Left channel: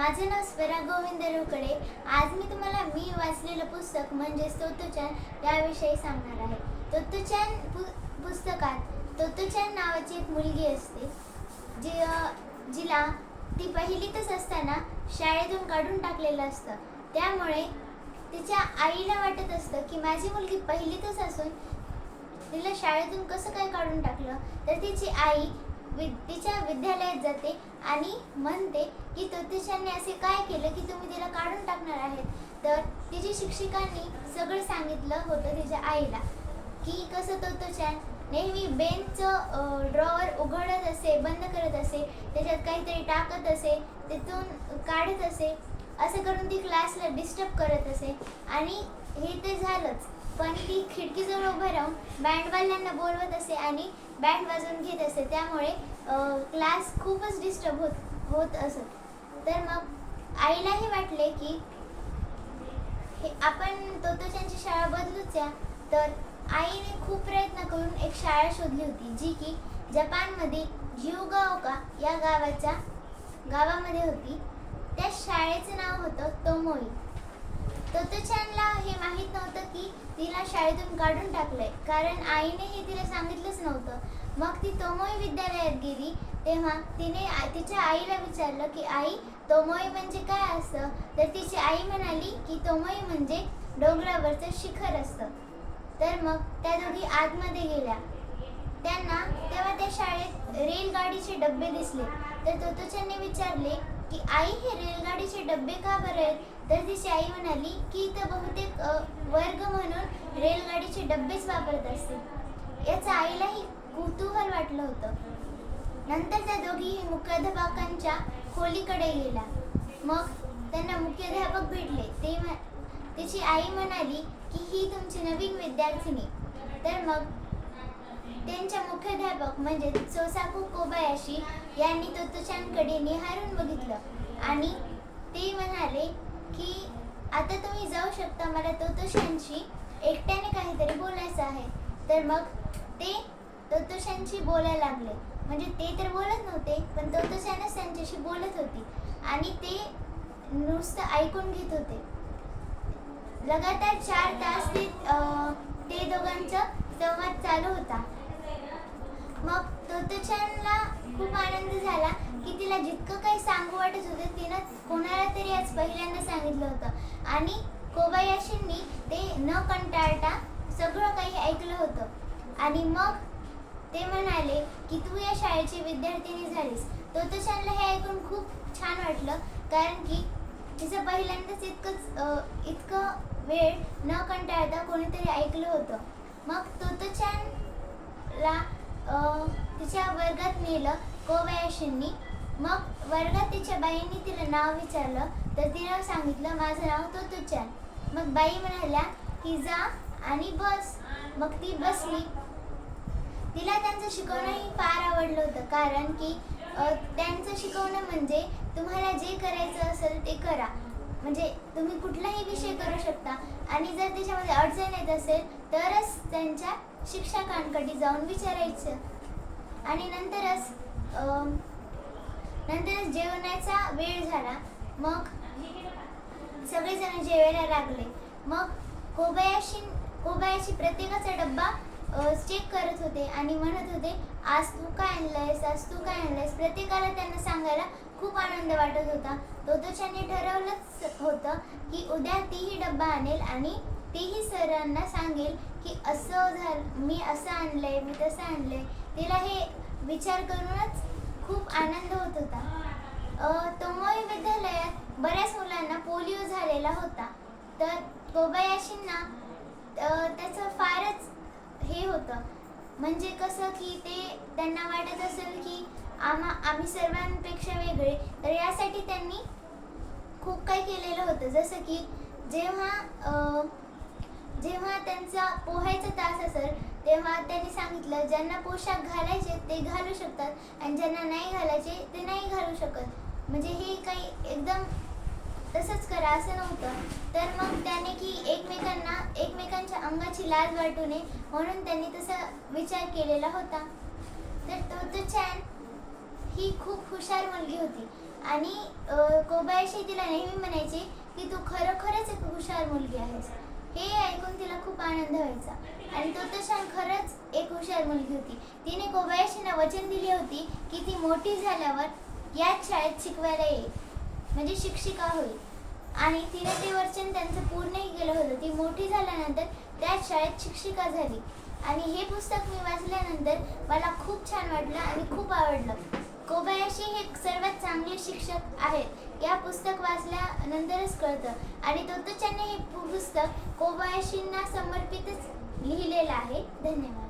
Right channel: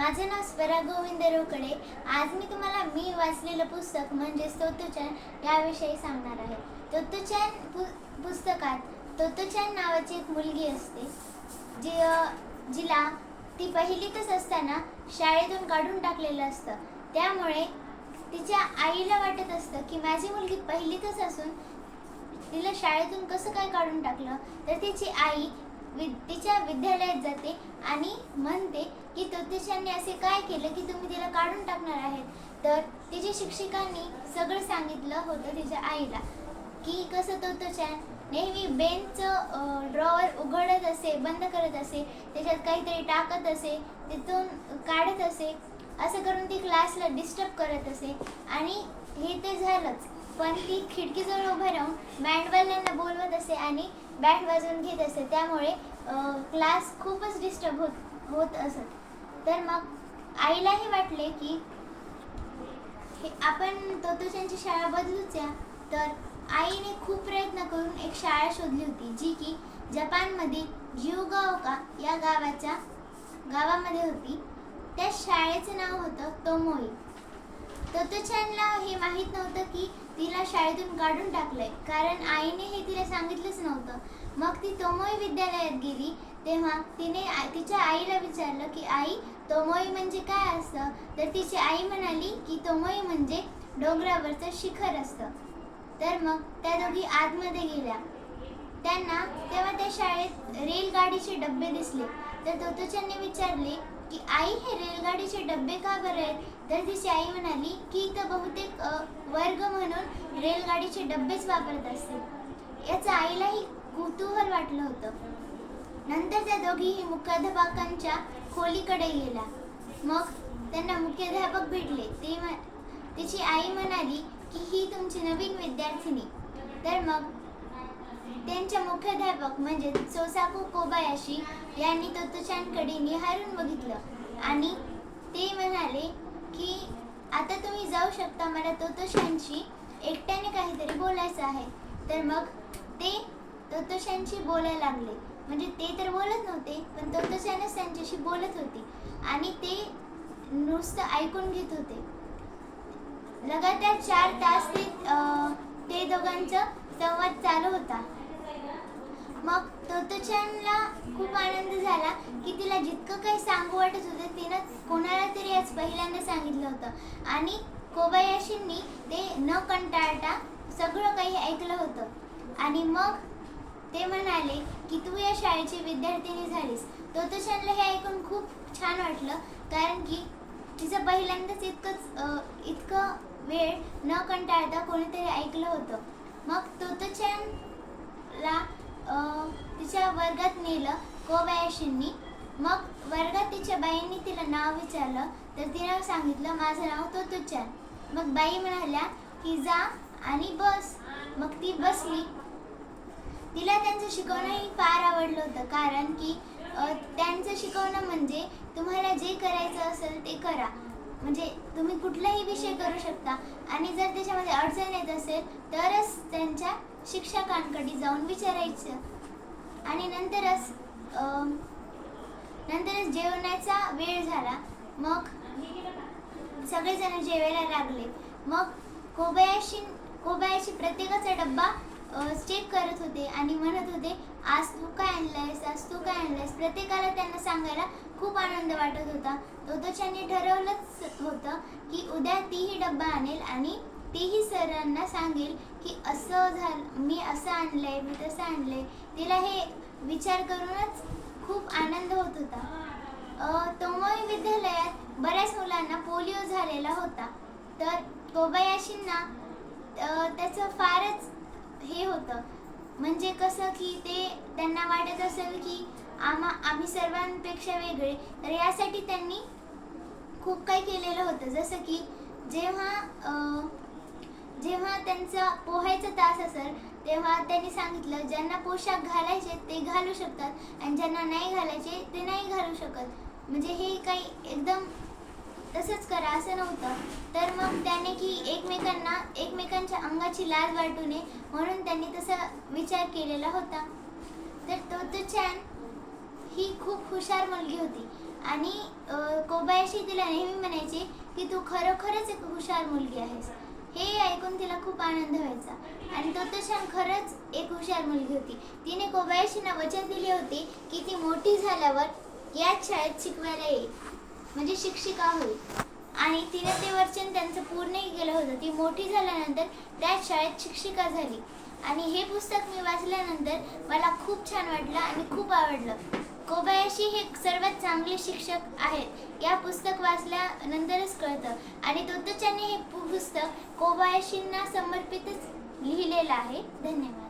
माझं नाव स्वरा गोविंद रोकडे. आज मी तुम्हाला मी वाचलेलं पुस्तक म्हणजे तोतुचन याविषयी सांगणार आहे. तोतुचान पु पुस्तकात तोतुचन नावाची एक मुलगी असते जी जिला ती पहिलीतच असताना शाळेतून काढून टाकलेलं असतं. त्यामुळे तिच्या आईला वाटत असतं की माझी मुलगी पहिलीतच असून तिला शाळेतून कसं काय काढून टाकलं? तर तिची आई तिच्या विद्यालयात जाते आणि म्हणते की तोतिशांनी असे काय केलं की तुम्ही तिला काढून टाकणार आहेत? तर तिची शिक्षिकांनी सगळं सांगितलं होतं तिच्या आईला की कसं तोतोचान नेहमी बेंचचं ड्रॉवर उघडत असे बंद करत असे त्याच्यात काहीतरी टाकत असे तिथून काढत असे असं करून ती क्लासला डिस्टर्ब करत असे. आणि हे ते झालंच. पण ती खिडकीजवळ उभं राहून बँडवाल्यांना बोलवत असे आणि बँड वाजवून घेत असे. त्यामुळे क्लास खूपच डिस्टर्ब होत होत असत. तर मग आईलाही वाटले की हे आपण तोतोच्यांची शाळा बदलूच या. तर आईने खूप प्रयत्न करून एक शाळा शोधली होती जी की जपानमध्ये जिओगाओका या गावाच्या गावामध्ये होती. त्या शाळेचं नाव होतं तोमोई. तोतोचानला हे माहीत नव्हतं की तिला शाळेतून काढून टाकलंय. कारण आईने हे तिला सांगितलंच नव्हतं. मग ती तोमोई विद्यालयात गेली तेव्हा तिने तिच्या आईला विचारलं की आई तोमोई म्हणजे काय असतं तर तिची आई म्हणाली की तोमोई म्हणजे डोंगरावरचं शिखर असतं. तर मग त्या दोघी आतमध्ये गेल्या. त्यांना तेव्हा त्या शाळेत रेलगाडीचे डबे दिसले. तर तोतोच्यांनी विचारले की आई हे रेलगाडीचे डबे का बरं आहेत? तर तिची आई म्हणाली की इथं बहुतेक वर्ग म्हणून रेलगाडीचे डब्बेच वापरत असतील याचं आईलाही कुतूहल वाटलं होतं. नंतर त्या दोघीही मुख्याध्यापकांच्या खोलीकडे गेला मग त्यांना मुख्याध्यापक भेटले. ते म्ह- तिची आई म्हणाली की ही तुमची नवीन विद्यार्थिनी. तर मग त्यांच्या मुख्याध्यापक म्हणजे सोसाकू कोबायाशी यांनी तोतोचानकडे निहारून बघितलं. आणि ते म्हणाले की आता तुम्ही जाऊ शकता मला तोतोशांशी एकट्याने काहीतरी बोलायचं आहे. तर मग ते तोतोशांशी बोलायला लागले. म्हणजे ते तर बोलत नव्हते पण तोतोशानच त्यांच्याशी बोलत होती. आणि ते नुसतं ऐकून घेत होते. लगातार चार तास ते ते दोघांचा संवाद चालू होता. मग तोतोचनला खूप आनंद झाला की तिला जितकं काही सांगू वाटत होतं तिनं कोणाला तरी आज पहिल्यांदा सांगितलं होतं. आणि कोबायाशींनी ते न कंटाळता सगळं काही ऐकलं होतं. आणि मग ते म्हणाले की तू या शाळेची विद्यार्थिनी झालीस. तोतोचनला हे ऐकून खूप छान वाटलं कारण की तिचं पहिल्यांदाच इतकंच इतकं वेळ न कंटाळता कोणीतरी ऐकलं होतं. मग तोतोचनला तिच्या वर्गात नेलं कोवयाशींनी मग वर्गात तिच्या बाईंनी तिला नाव विचारलं तर तिला सांगितलं माझं नाव तोतोचान मग बाई म्हणाल्या की जा आणि बस. मग ती बसली. तिला त्यांचं शिकवणंही फार आवडलं होतं कारण की त्यांचं शिकवणं म्हणजे तुम्हाला जे करायचं असेल ते करा. म्हणजे तुम्ही कुठलाही विषय करू शकता. आणि जर त्याच्यामध्ये अडचण येत असेल तरच त्यांच्या शिक्षकांकडे जाऊन विचारायचं. आणि नंतरच नंतरच जेवणाचा वेळ झाला. मग सगळेजण जेवायला लागले. मग कोबयाशी कोबयाशी प्रत्येकाचा डब्बा चेक करत होते आणि म्हणत होते आज तू काय आणलंयस? आज तू काय आणलंयस? प्रत्येकाला त्यांना सांगायला खूप आनंद वाटत होता. तोतोच्याने ठरवलंच होतं की उद्या तीही डब्बा आणेल आणि तीही सरांना सांगेल की असं झालं मी असं आणलंय मी तसं आणलंय. तिला हे विचार करूनच खूप आनंद होत होता. तोमोई विद्यालयात बऱ्याच मुलांना पोलिओ झालेला होता. तर कोबयाशींना त्याचं फारच हे होतं. म्हणजे कसं की ते त्यांना वाटत असेल की आम्हा आम्ही सर्वांपेक्षा वेगळे तर यासाठी त्यांनी खूप काही केलेलं होतं. जसं की जेव्हा जेव्हा त्यांचा पोहायचा तास असेल तेव्हा त्यांनी सांगितलं ज्यांना पोशाख घालायचे ते घालू शकतात आणि ज्यांना नाही घालायचे ते नाही घालू शकत. म्हणजे हे काही एकदम तसंच करा असं नव्हतं. तर मग त्याने एकमेकांना एकमेकांच्या अंगाची लाज वाटू नये म्हणून त्यांनी तसा विचार केलेला होता. तर तो छान ही खूप हुशार मुलगी होती. आणि कोबायाशी तिला नेहमी म्हणायची की तू खरोखरच एक हुशार मुलगी आहेस. हे ऐकून तिला खूप आनंद व्हायचा. आणि तोत्ताचान खरंच एक हुशार मुलगी होती. तिने कोबायाशींना वचन दिले होते की ती मोठी झाल्यावर याच शाळेत शिकवायला येईल. म्हणजे शिक्षिका होईल. आणि तिने ते वचन त्यांचं पूर्णही केलं होतं. ती मोठी झाल्यानंतर त्याच शाळेत शिक्षिका झाली. आणि हे पुस्तक मी वाचल्यानंतर मला खूप छान वाटलं आणि खूप आवडलं. कोबायाशी हे सर्वात चांगले शिक्षक आहेत. या पुस्तक वाचल्यानंतरच कळतं. आणि तोत्ताचानने हे पुस्तक कोबायाशींना समर्पितच लिहिलेलं आहे. धन्यवाद.